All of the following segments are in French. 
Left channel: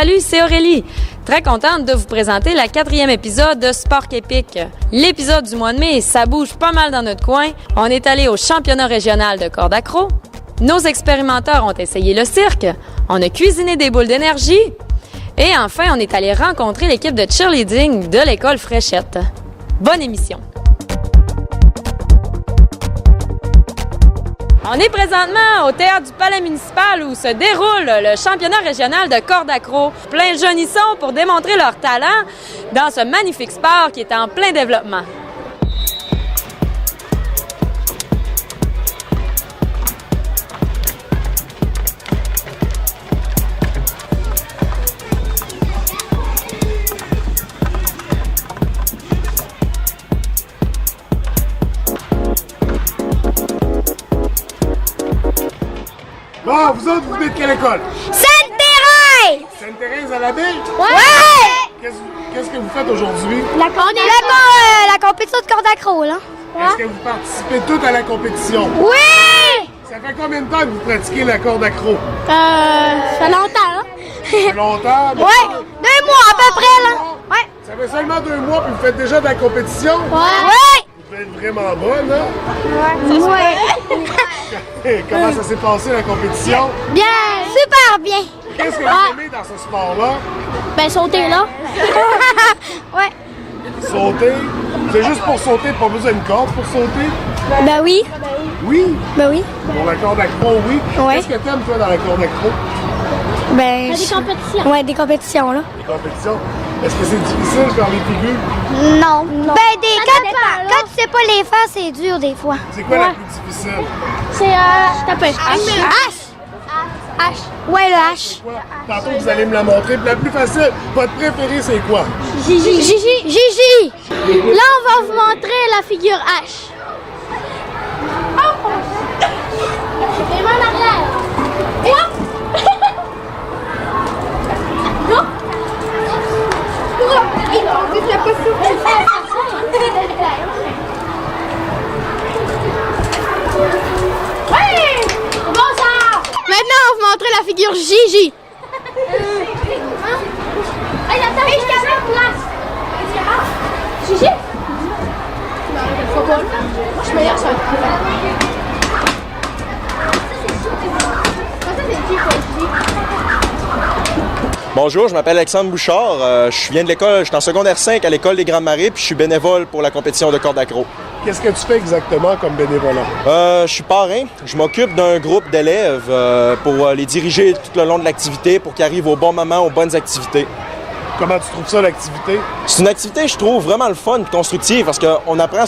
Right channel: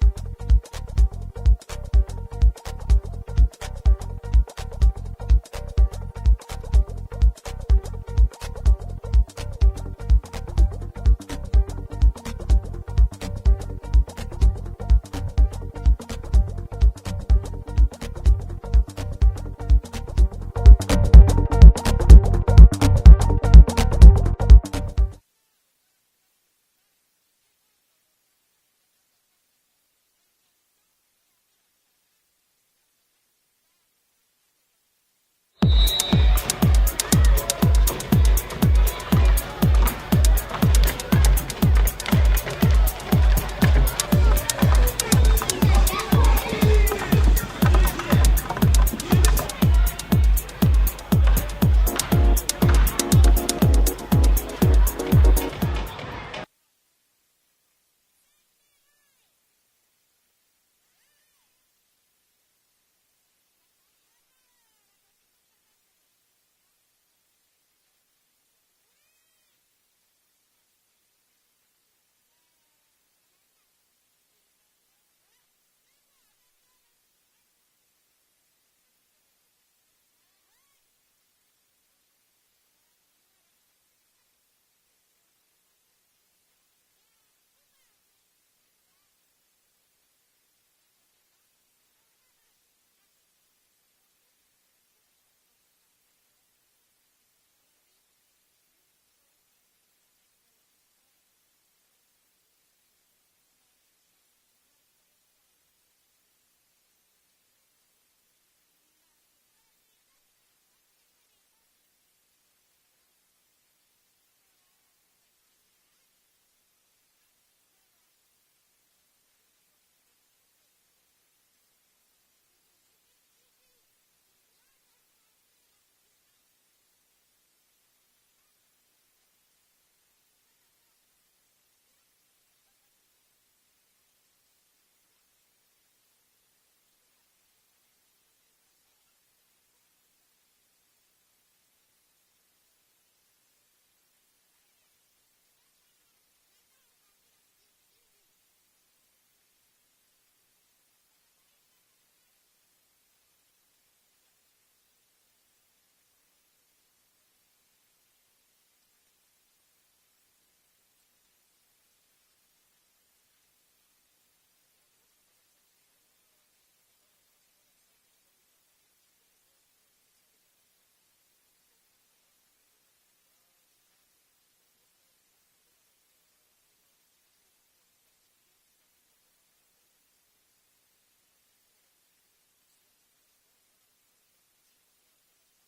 Salut, c'est Aurélie. Très contente de vous présenter la 4e épisode de Sport Épique. L'épisode du mois de mai, ça bouge pas mal dans notre coin. On est allé au championnat régional de corde accro. Nos expérimenteurs ont essayé le cirque. On a cuisiné des boules d'énergie. Et enfin, on est allé rencontrer l'équipe de cheerleading de l'école Fréchette. Bonne émission! On est présentement au théâtre du Palais municipal où se déroule le championnat régional de corde accro. Plein de jeunes y sont pour démontrer leur talent dans ce magnifique sport qui est en plein développement. Bon, vous autres, vous venez de quelle école? Sainte-Thérèse! Sainte-Thérèse à la baie? Ouais! Qu'est-ce que vous faites aujourd'hui? On est la compétition de corde accro, là. Est-ce que vous participez toutes à la compétition? Oui! Ça fait combien de temps que vous pratiquez la corde accro? Ça fait longtemps, là. Ça fait longtemps? mais- Ouais! 2 mois à peu près, là. Ouais! Ça fait seulement 2 mois puis vous faites déjà de la compétition? Ouais! Vous êtes vraiment bonne, hein? Ouais! Comment ça s'est passé la compétition? Bien! Super bien! Qu'est-ce que vous aimez dans ce sport-là? Ben, sauter, là. Ouais! Sauter? C'est juste pour sauter, pas besoin d'une corde pour sauter? Ben oui! Oui? Ben oui! Pour la corde accro, oui. Ouais. Qu'est-ce que t'aimes, toi, dans la corde accro? Ben... Des compétitions. Ouais, des compétitions, là. Les compétitions? Est-ce que c'est difficile faire les figures? Non. Ben, quand tu sais pas les faire, c'est dur, des fois. C'est quoi la plus difficile? C'est, taper. H! Ouais, le H. Quoi? Tantôt, vous allez me la montrer. Puis la plus facile, votre préférée, c'est quoi? Gigi! Là, on va vous montrer la figure H. Les mains en arrière. Maintenant, on va vous montrer la figure Gigi. Gigi? Je suis meilleure sur Bonjour, je m'appelle Alexandre Bouchard. Je viens de l'école, je suis en secondaire 5 à l'école des Grands Marais, puis je suis bénévole pour la compétition de corde accro. Qu'est-ce que tu fais exactement comme bénévolat? Je suis parrain. Je m'occupe d'un groupe d'élèves pour les diriger tout le long de l'activité pour qu'ils arrivent au bon moment, aux bonnes activités. Comment tu trouves ça, l'activité? C'est une activité, je trouve, vraiment le fun et constructive parce qu'on apprend,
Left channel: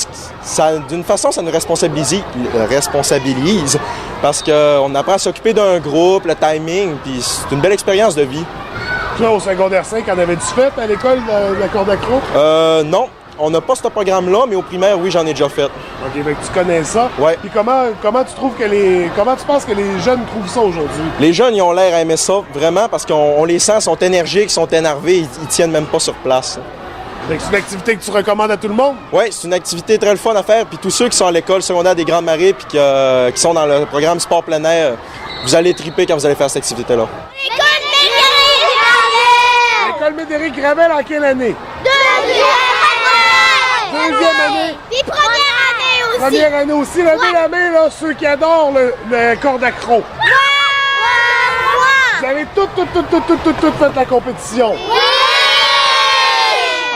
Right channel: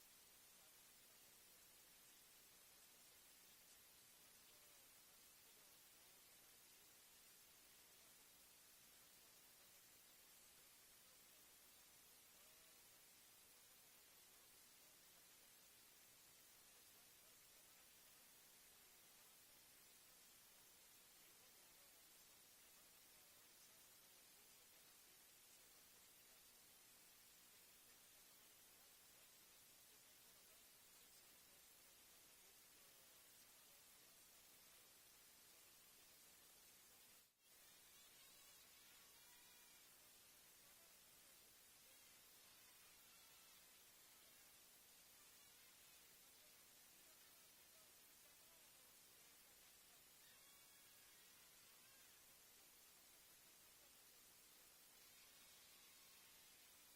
d'une façon, ça nous responsabilise parce qu'on apprend à s'occuper d'un groupe, le timing, puis c'est une belle expérience de vie. Toi, au secondaire 5, en avais-tu fait à l'école de la corde accro? Non, on n'a pas ce programme-là, mais au primaire, oui, j'en ai déjà fait. OK, fait que tu connais ça. Ouais. Puis comment tu trouves comment tu penses que les jeunes trouvent ça aujourd'hui? Les jeunes, ils ont l'air à aimer ça, vraiment, parce qu'on les sent, sont énergiques, sont énervés, ils tiennent même pas sur place. Fait que c'est une activité que tu recommandes à tout le monde? Oui, c'est une activité très le fun à faire, puis tous ceux qui sont à l'école secondaire des Grandes Marais puis qui sont dans le programme sport plein air, vous allez triper quand vous allez faire cette activité-là. L'école Médéric Gravel en quelle année? Deuxième année. Puis première année aussi. Première année aussi. Levez la main, là, ceux qui adorent le corde accro. Vous avez toutes fait la compétition.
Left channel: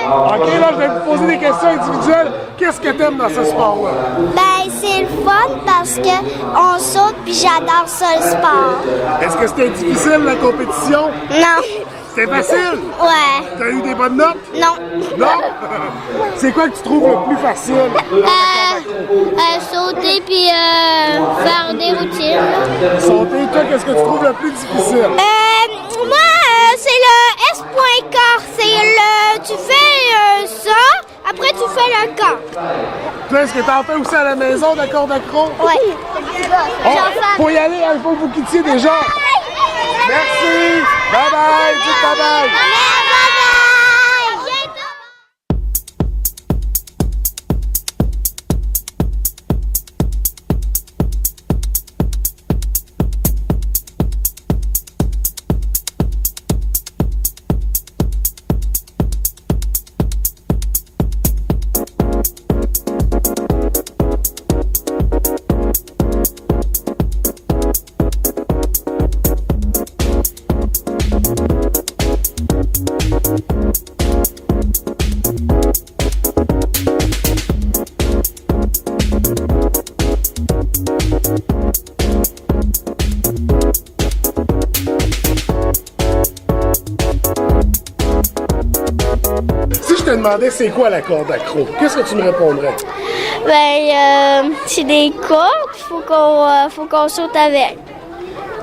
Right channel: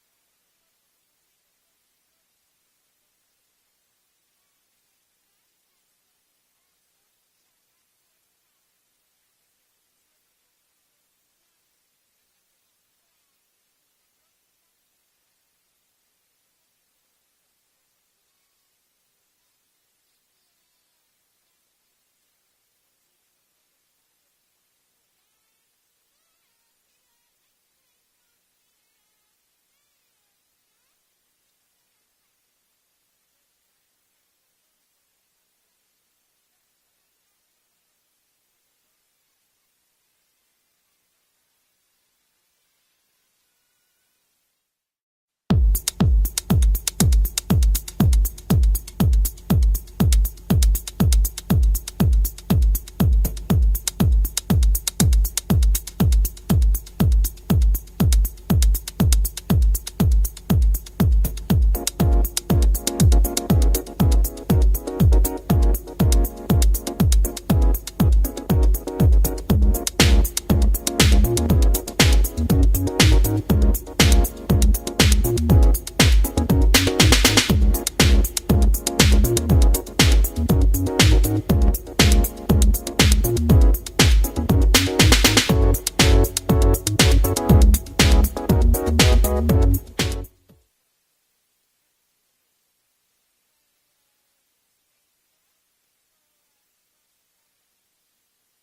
OK, là, je vais vous poser des questions individuelles. Qu'est-ce que t'aimes dans ce sport-là? Ben, c'est le fun parce que on saute puis j'adore ça le sport. Est-ce que c'était difficile, la compétition? Non. C'était facile? Ouais. T'as eu des bonnes notes? Non. Non? C'est quoi que tu trouves le plus facile? Sauter puis faire des routines. Sauter, toi, qu'est-ce que tu trouves le plus difficile? Moi, c'est le S.K. Tu fais ça, après tu fais le camp. Toi, est-ce que t'en fais aussi à la maison de la corde accro? Ouais. Oh, faut y aller, il faut que vous quittiez déjà. Merci. Bye bye. Dites bye bye. demandais c'est quoi la corde accro, qu'est-ce que tu me répondrais? C'est des cordes, faut qu'on saute avec.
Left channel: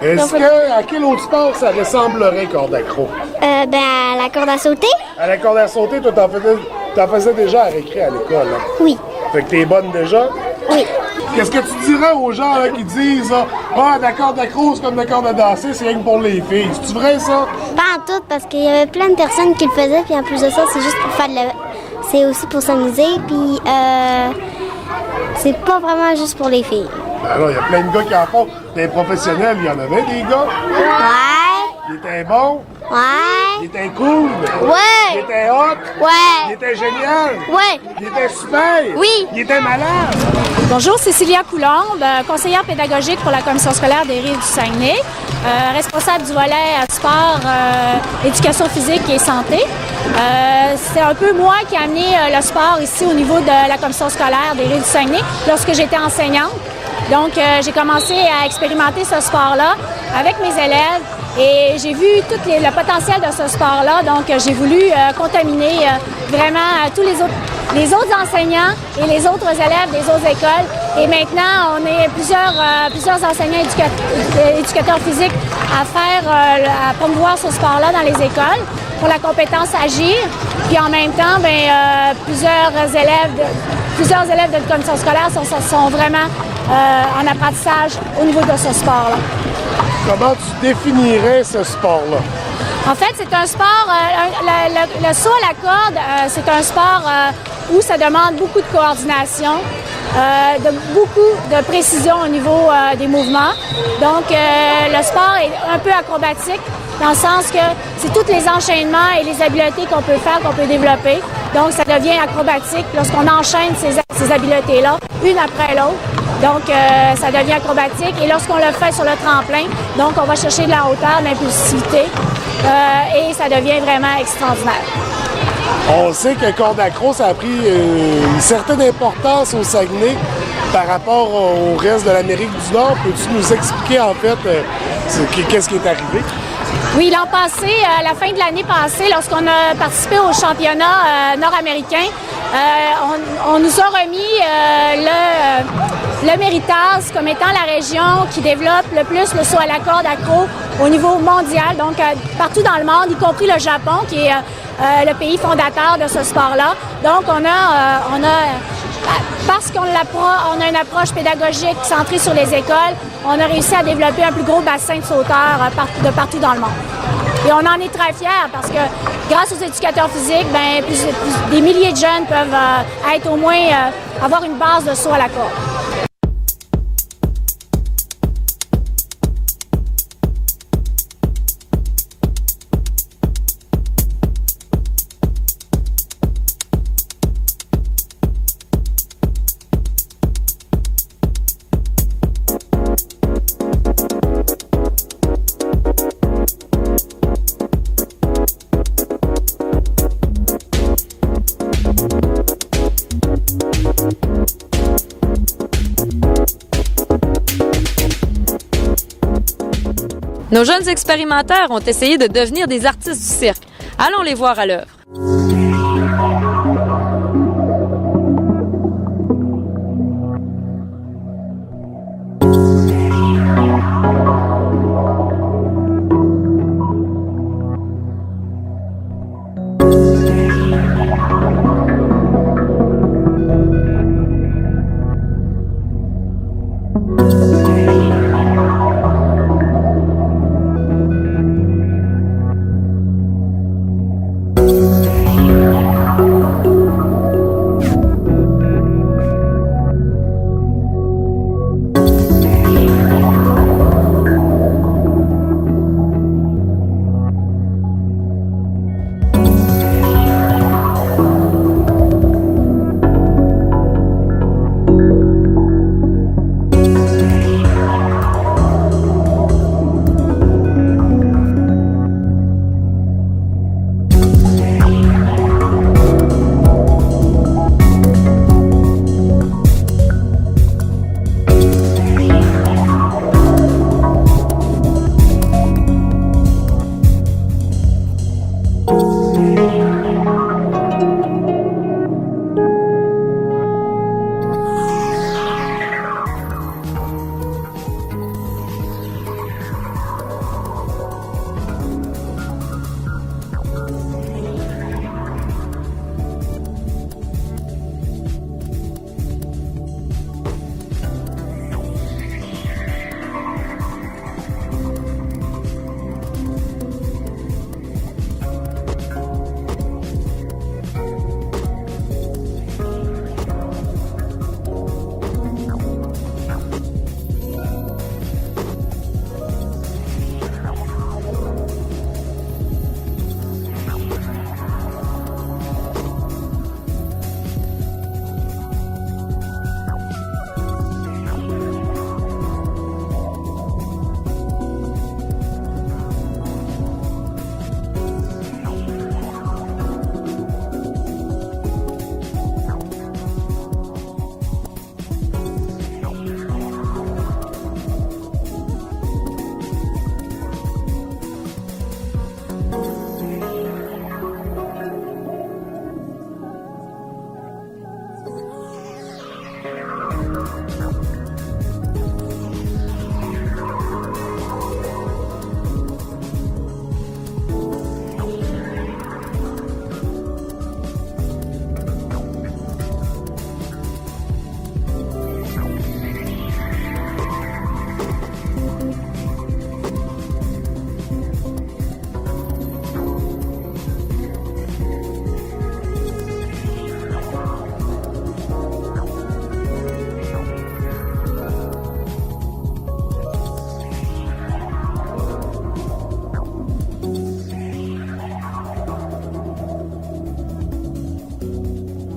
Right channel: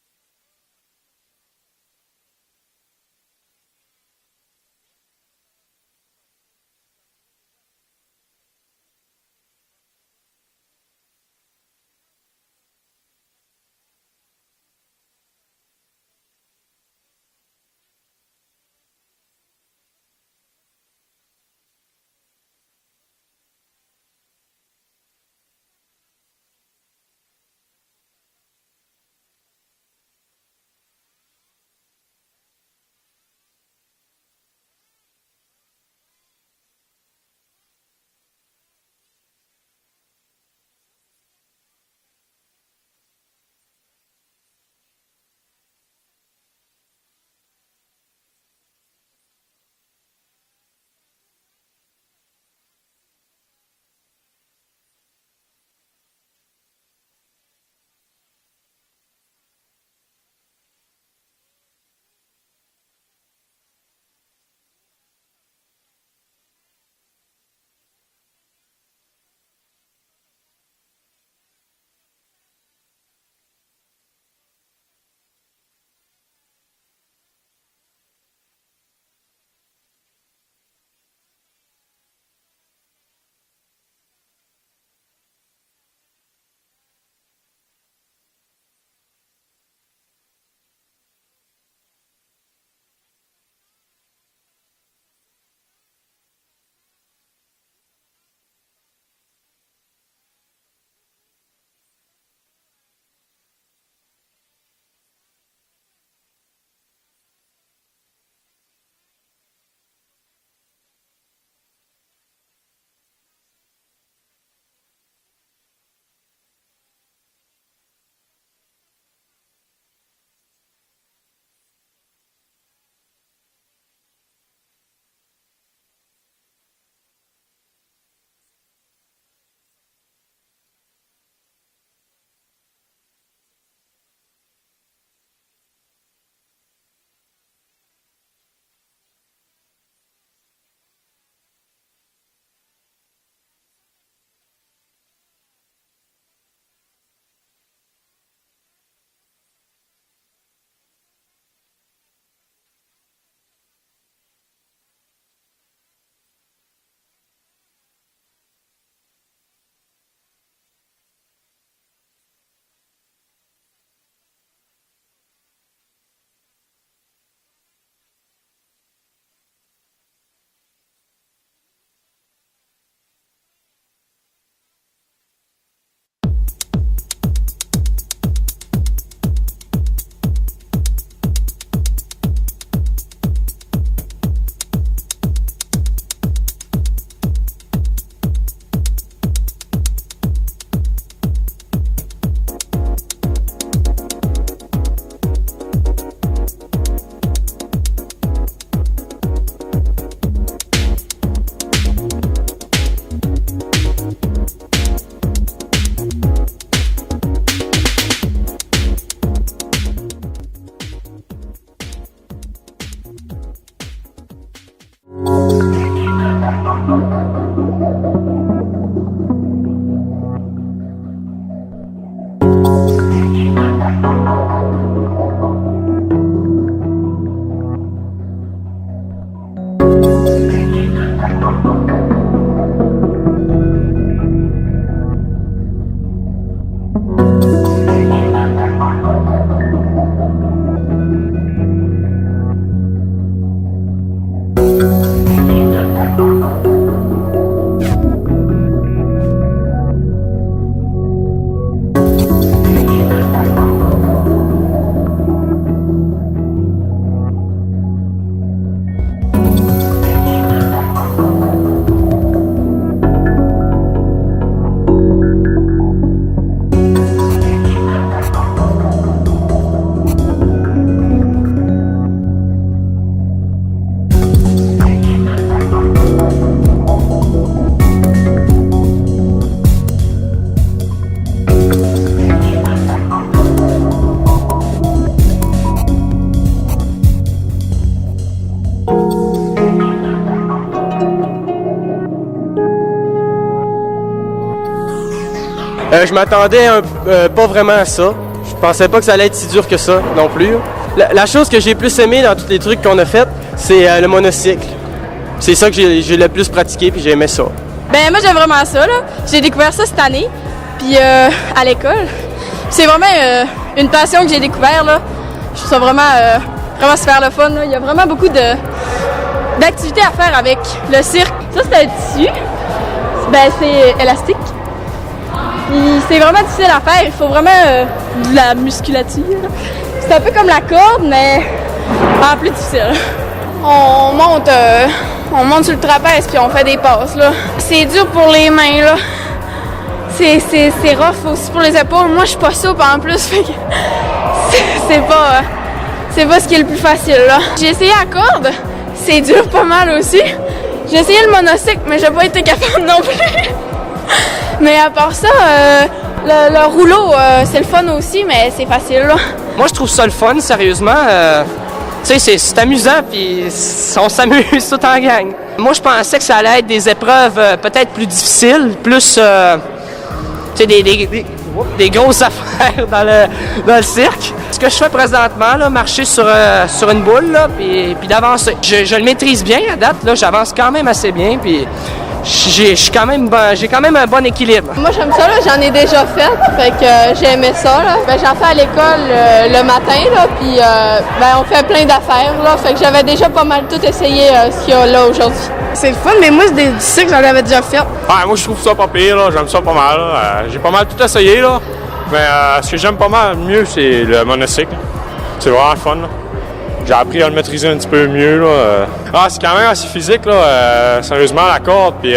Est-ce que, à quel autre sport ça ressemblerait, corde accro? À la corde à sauter? À la corde à sauter, toi, t'en faisais déjà à récré à l'école, hein? Oui. Fait que t'es bonne déjà? Oui. Qu'est-ce que tu dirais aux gens là, qui disent la corde accro, c'est comme la corde à danser, c'est rien que pour les filles. C'est-tu vrai, ça? Pas en tout, parce qu'il y avait plein de personnes qui le faisaient, puis en plus de ça, c'est juste pour faire c'est aussi pour s'amuser, puis c'est pas vraiment juste pour les filles. Alors, il y a plein de gars qui en font. Des professionnels, il y en avait des gars. Ouais. Ils étaient bons. Ils Ouais. étaient cool. Ouais. Ils étaient hot. Ils Ouais. étaient génial. Ouais. Ils étaient super. Oui. Ils étaient malades. Bonjour, Cécilia Coulombe, conseillère pédagogique pour la commission scolaire des Rives du Saguenay, responsable du volet sport, éducation physique et santé. C'est un peu moi qui ai amené le sport ici au niveau de la commission scolaire des Rives du Saguenay lorsque j'étais enseignante. Donc, j'ai commencé à expérimenter ce sport-là avec mes élèves et j'ai vu tout le potentiel de ce sport-là. Donc, j'ai voulu contaminer vraiment tous les autres enseignants et les autres élèves des autres écoles. Et maintenant, on est plusieurs enseignants éducateurs physiques à promouvoir ce sport-là dans les écoles pour la compétence agir. Puis en même temps, plusieurs élèves de la commission scolaire sont vraiment en apprentissage au niveau de ce sport-là. Comment tu définirais ce sport-là? En fait, c'est un sport, le saut à la corde, c'est un sport où ça demande beaucoup de coordination, beaucoup de précision au niveau des mouvements. Donc, le sport est un peu acrobatique dans le sens que c'est tous les enchaînements et les habiletés qu'on peut faire, qu'on peut développer. Donc, ça devient acrobatique lorsqu'on enchaîne ces habiletés-là, une après l'autre. Donc, ça devient acrobatique. Et lorsqu'on le fait sur le tremplin, donc on va chercher de la hauteur, de l'impulsivité. Et ça devient vraiment extraordinaire. On sait que corde accro, ça a pris une certaine importance au Saguenay par rapport au reste de l'Amérique du Nord. Peux-tu nous expliquer, en fait, qu'est-ce qui est arrivé? Oui, l'an passé, à la fin de l'année passée, lorsqu'on a participé au championnat nord-américain, on nous a remis le Méritas comme étant la région qui développe le plus le saut à la corde accro au niveau mondial, donc partout dans le monde, y compris le Japon, qui est le pays fondateur de ce sport-là. Donc, parce qu'on a une approche pédagogique centrée sur les écoles, on a réussi à développer un plus gros bassin de sauteurs de partout dans le monde. Et on en est très fiers parce que grâce aux éducateurs physiques, des milliers de jeunes peuvent être au moins avoir une base de saut à la corde. Nos jeunes expérimenteurs ont essayé de devenir des artistes du cirque. Allons les voir à l'œuvre. Je m'attendais pas vraiment à ça. Je pensais pas que ça allait être si dur que ça non plus. La chose que j'ai plus aimé dans tous les trucs qu'on a fait, c'est le monocycle. C'est ça que j'ai le plus pratiqué puis j'ai aimé ça. Ben moi j'aime vraiment ça là. J'ai découvert ça cette année, puis à l'école. C'est vraiment une passion que j'ai découvert là. Je trouve ça vraiment super le fun là. Il y a vraiment beaucoup d'activités à faire avec le cirque. Ça c'est un tissu. Ben c'est élastique. C'est vraiment difficile à faire. Il faut vraiment de la musculature. C'est un peu comme la corde, mais en plus difficile. On monte sur le trapèze puis on fait des passes là. C'est dur pour les mains là. C'est rough aussi pour les épaules. Moi je suis pas souple en plus, fait que c'est pas ce qui est le plus facile là. J'ai essayé la corde, c'est dur pas mal aussi. J'ai essayé le monocycle, mais j'ai pas été capable non plus. Mais à part ça, le rouleau, c'est le fun aussi, mais c'est facile là. Moi je trouve ça le fun, sérieusement. Tu sais, c'est amusant, puis on s'amuse tout en gang. Moi, je pensais que ça allait être des épreuves peut-être plus difficiles, plus, tu sais, des grosses affaires dans le cirque. Ce que je fais présentement, là, marcher sur une boule, là, puis d'avancer. Je le maîtrise bien à date, là, j'avance quand même assez bien, puis j'ai quand même un bon équilibre. Moi, j'aime ça, là, j'en ai déjà fait que j'ai aimé ça, là. Ben, j'en fais à l'école le matin, là, puis on fait plein d'affaires, là, fait que j'avais déjà pas mal tout essayé ce qu'il y a là aujourd'hui. C'est le fun, mais moi, c'est du cirque, j'en avais déjà fait. Ouais, moi, je trouve ça pas pire, là, j'aime ça pas mal, là. J'ai pas mal tout essayé, là, mais ce que j'aime pas mal mieux, c'est le monocycle. C'est vraiment fun, là. J'ai appris à le maîtriser un petit peu mieux, là. C'est quand même assez physique, là. Sérieusement, la corde, puis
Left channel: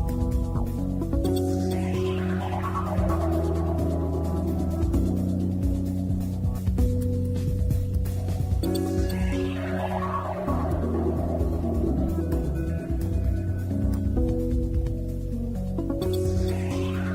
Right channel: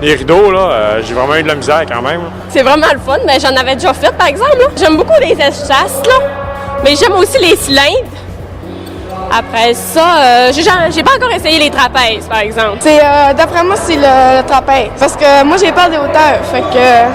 les rideaux, là, j'ai vraiment eu de la misère quand même. C'est vraiment le fun, mais j'en avais déjà fait, par exemple, là. J'aime beaucoup les chasses, là, mais j'aime aussi les cylindres. Après ça, j'ai pas encore essayé les trapèzes, par exemple. D'après moi, c'est le trapèze, parce que moi, j'ai peur des hauteurs, fait que...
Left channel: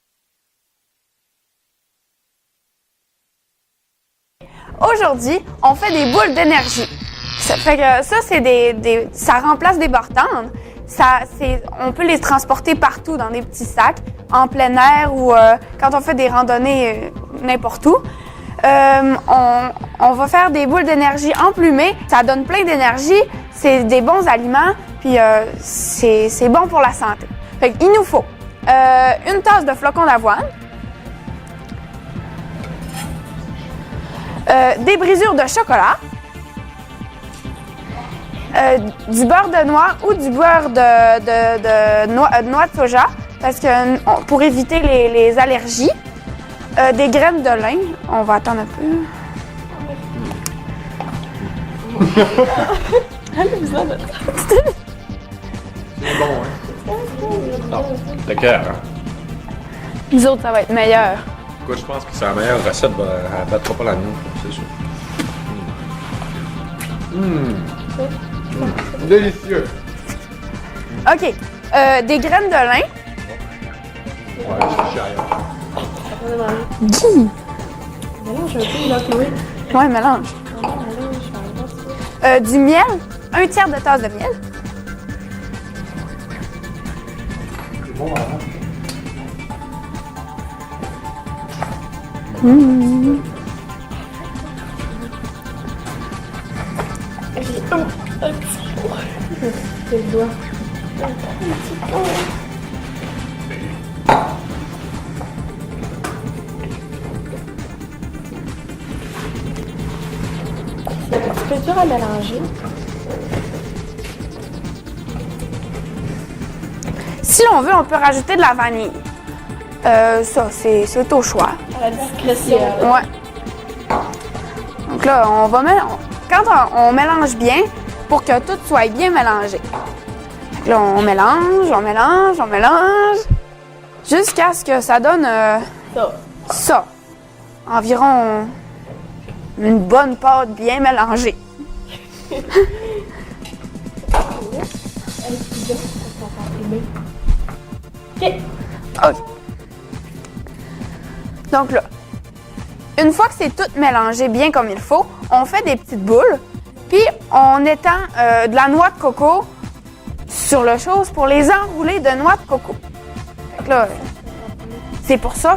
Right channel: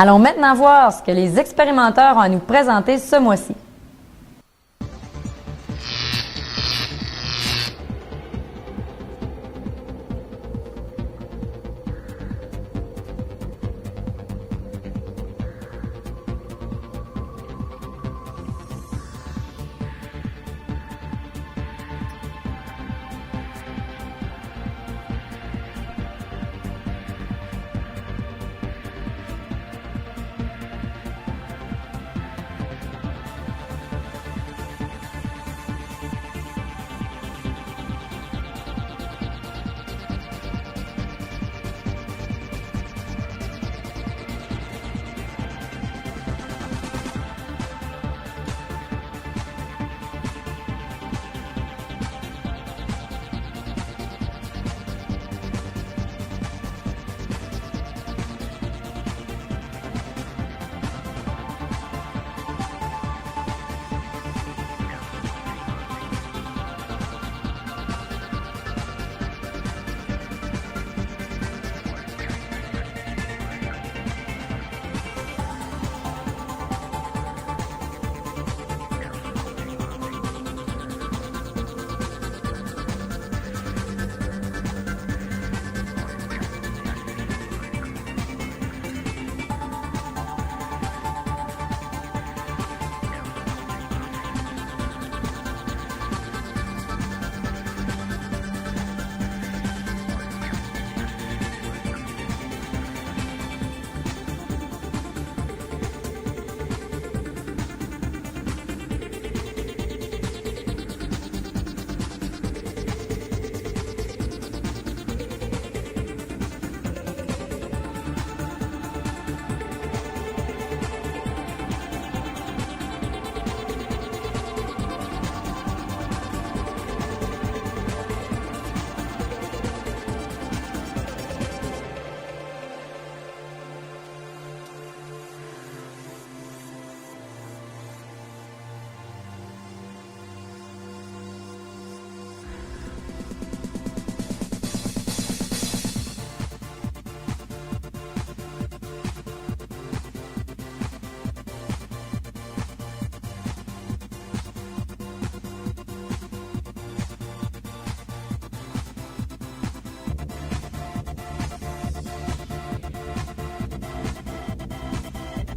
Allons maintenant voir ce que les expérimenteurs ont à nous présenter ce mois-ci. Aujourd'hui, on fait des boules d'énergie. Ça fait que ça, ça remplace des bartendes. On peut les transporter partout dans des petits sacs, en plein air ou quand on fait des randonnées n'importe où. On va faire des boules d'énergie emplumées. Ça donne plein d'énergie, c'est des bons aliments, puis c'est bon pour la santé. Fait qu'il nous faut une tasse de flocons d'avoine, des brisures de chocolat, du beurre de noix ou du beurre de noix de soja, parce que pour éviter les allergies, des graines de lin. On va attendre un peu. Bon, hein? Non, le cœur, hein? Nous autres, ça va être meilleur. Moi, je pense que c'est la meilleure recette, elle battra pas la mienne, c'est sûr. Délicieux. OK. Des graines de lin. Ouais, mélange. Du miel, un tiers de tasse de miel. C'est un petit peu dur à mélanger. Si l'on veut, on peut rajouter de la vanille. Ça, c'est au choix. À la discrétion. Ouais. Donc là, quand on mélange bien, pour que tout soit bien mélangé. Là, on mélange, jusqu'à ce que ça donne ça. Environ une bonne pâte bien mélangée. OK. Donc là, une fois que c'est tout mélangé bien comme il faut, on fait des petites boules, puis on étend de la noix de coco sur le chose pour les enrouler de noix de coco. Donc là, c'est pour ça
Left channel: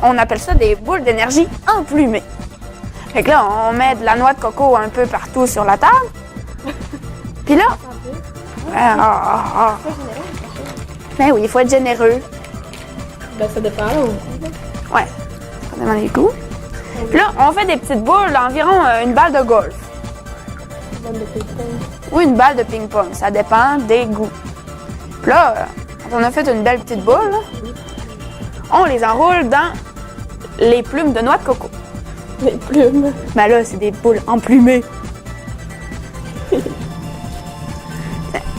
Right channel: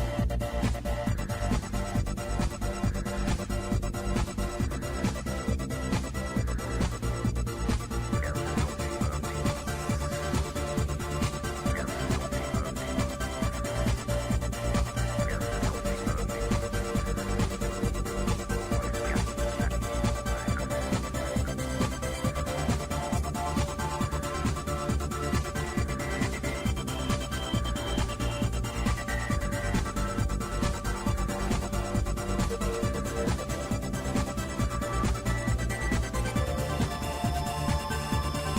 qu'on appelle ça des boules d'énergie emplumées. Fait que là, on met de la noix de coco un peu partout sur la table. Puis là, ben oui, il faut être généreux. Ben, ça dépend. Ouais, ça dépend des goûts. Puis là, on fait des petites boules d'environ une balle de golf. Ou une balle de ping-pong, ça dépend des goûts. Puis là, on a fait une belle petite boule. Là. On les enroule dans les plumes de noix de coco. Les plumes. Ben là, c'est des boules emplumées.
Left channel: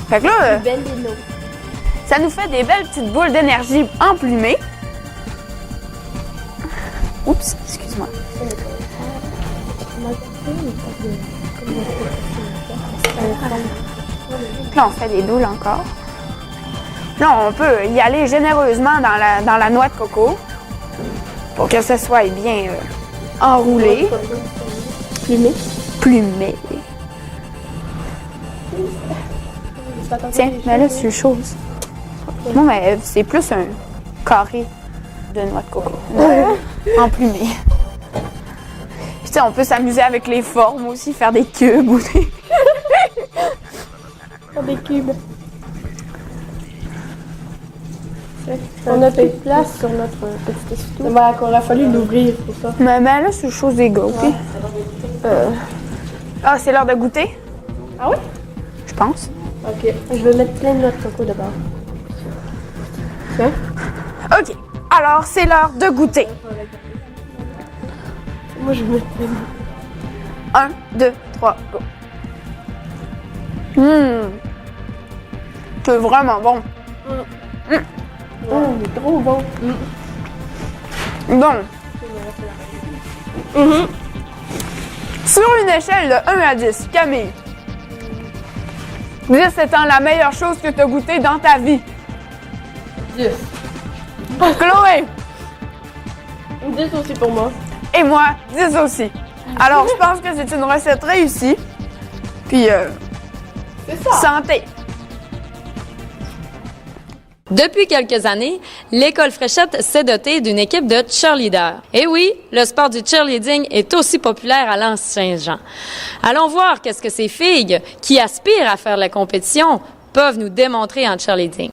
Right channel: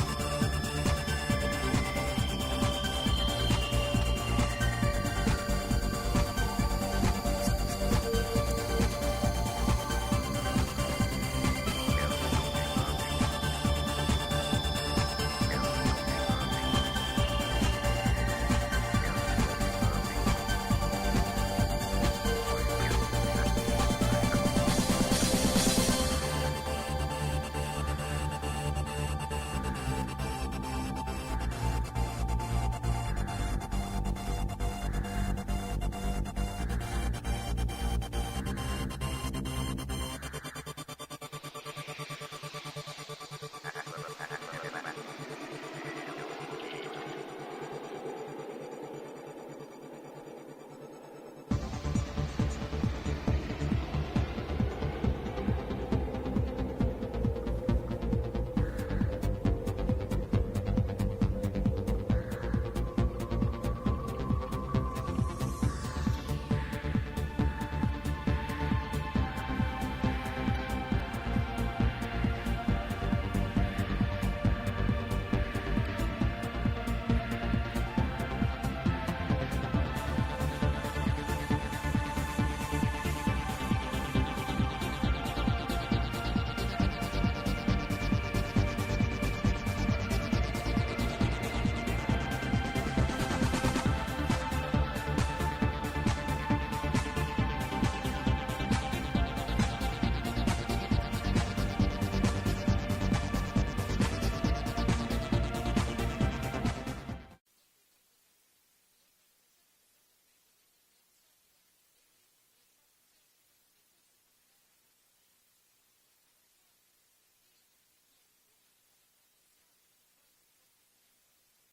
Fait que là, ça nous fait des belles petites boules d'énergie emplumées. Oups, excuse-moi. Là, on fait des boules encore. Là, on peut y aller généreusement dans la noix de coco pour que ça soit bien enroulé. Plumé. Tiens, mais là, c'est chose. Non, mais c'est plus un carré de noix de coco. Emplumé. Puis, tu sais, on peut s'amuser avec les formes aussi, faire des cubes ou des... Des cubes. On a fait place sur notre petit essuie-tout. Ben, qu'on a fallu l'ouvrir pour ça. Mais là, c'est chose des gars, OK? Ah, c'est l'heure de goûter? Ah oui? Je pense. OK. Je vais mettre plein de noix de coco d'abord. Hein? OK. Alors, c'est l'heure de goûter. Moi, je vais mettre plein de... 1, 2, 3, go. C'est vraiment bon. Oh, il est trop bon. Bon. Sur une échelle de 1 à 10, Camille, 10 étant la meilleure chose que tu as goûtée dans ta vie. 10. Chloé 10 aussi pour moi. et moi, 10 aussi. Alors, je pense que c'est une recette réussie. Puis, santé! Depuis quelques années, l'école Fréchette s'est dotée d'une équipe de cheerleaders. Et oui, le sport du cheerleading est aussi populaire à L'Anse-Saint-Jean. Allons voir qu'est-ce que ces filles qui aspirent à faire la compétition peuvent nous démontrer en cheerleading.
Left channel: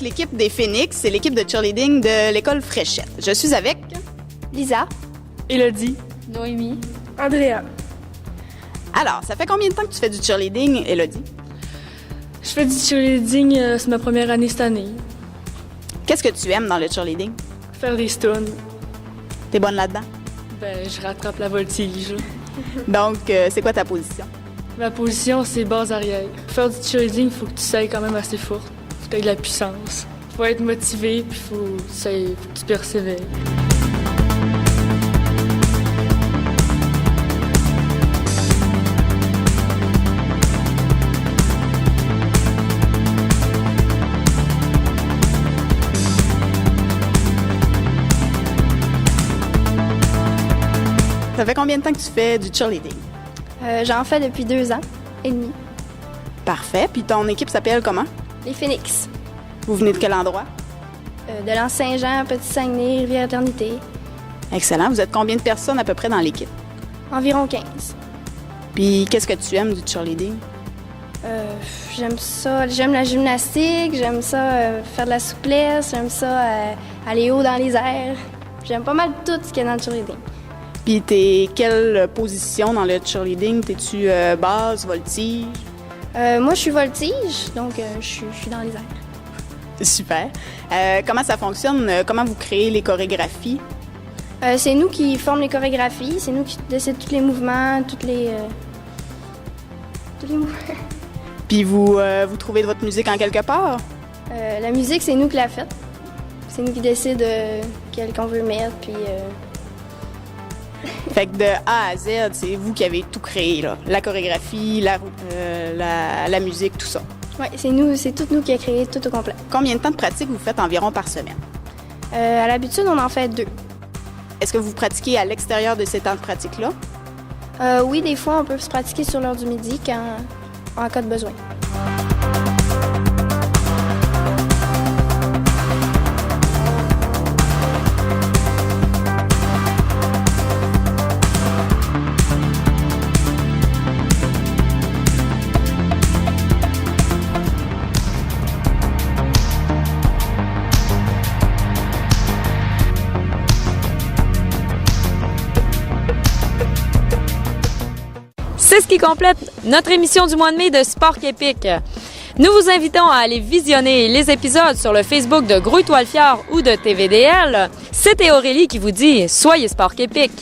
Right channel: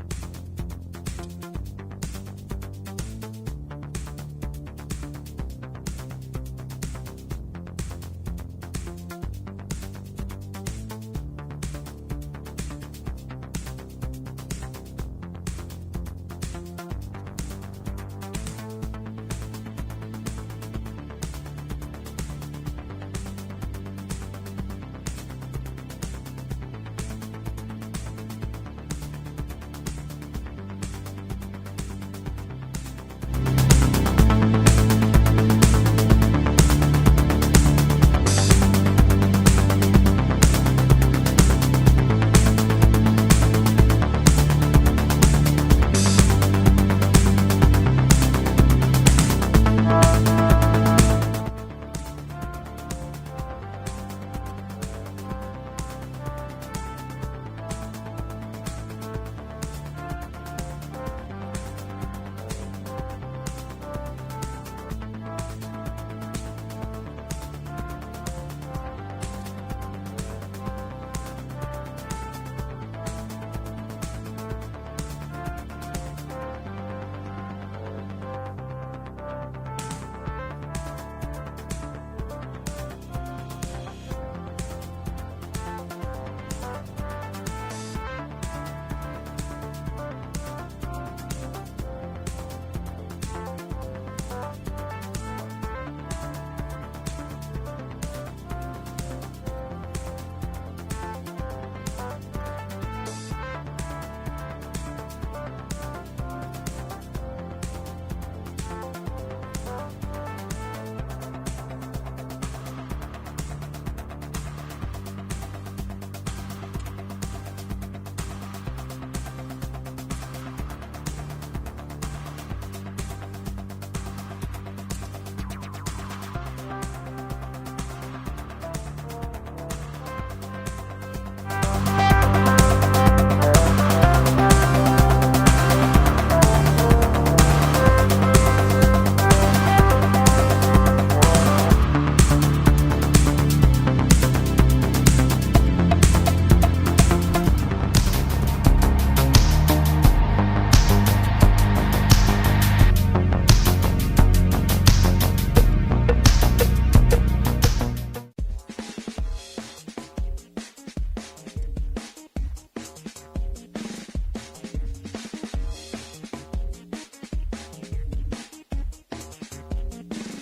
L'équipe des Phoenix, c'est l'équipe de cheerleading de l'école Fréchette. Je suis avec Lisa. Élodie. Noémie. Andrea. Alors, ça fait combien de temps que tu fais du cheerleading, Élodie? Je fais du cheerleading, c'est ma première année cette année. Qu'est-ce que tu aimes dans le cheerleading? Faire des stuns. T'es bonne là-dedans? Ben, je rattrape la voltige. Donc, c'est quoi ta position? Ma position, c'est base arrière. Pour faire du cheerleading, il faut que tu sois quand même assez fort. Faut que tu aies de la puissance. Faut être motivé, puis faut que tu persévères. Ça fait combien de temps que tu fais du cheerleading? J'en fais depuis 2 ans et demi. Parfait. Puis ton équipe s'appelle comment? Les Phoenix. Vous venez de quel endroit? De l'Anse-Saint-Jean, Petit-Saguenay, Rivière-Éternité. Excellent. Vous êtes combien de personnes à peu près dans l'équipe? Environ 15. Puis qu'est-ce que tu aimes du cheerleading? J'aime ça, j'aime la gymnastique, j'aime ça faire de la souplesse, j'aime ça aller haut dans les airs. J'aime pas mal tout ce qu'il y a dans le cheerleading. Puis t'es quelle position dans le cheerleading? T'es-tu base, voltige? Moi, je suis voltige, donc je suis dans les airs. Super. Comment ça fonctionne? Comment vous créez les chorégraphies? C'est nous qui formons les chorégraphies, c'est nous qui décidons tous les mouvements, tous les mouvements. Puis vous trouvez votre musique en quelque part? La musique, c'est nous qui l'a faite. C'est nous qui décidons quelle qu'on veut mettre, puis... Fait que de A à Z, c'est vous qui avez tout créé, là. La chorégraphie, la musique, tout ça. Oui, c'est tout nous qui a créé tout au complet. Combien de temps de pratique vous faites environ par semaine? À l'habitude, on en fait 2. Est-ce que vous pratiquez à l'extérieur de ces temps de pratique-là? Oui, des fois, on peut se pratiquer sur l'heure du midi en cas de besoin. C'est ce qui complète notre émission du mois de mai de Sport Épique. Nous vous invitons à aller visionner les épisodes sur le Facebook de Gros Étoile Fjord ou de TVDL. C'était Aurélie qui vous dit « Soyez Sport Épique ».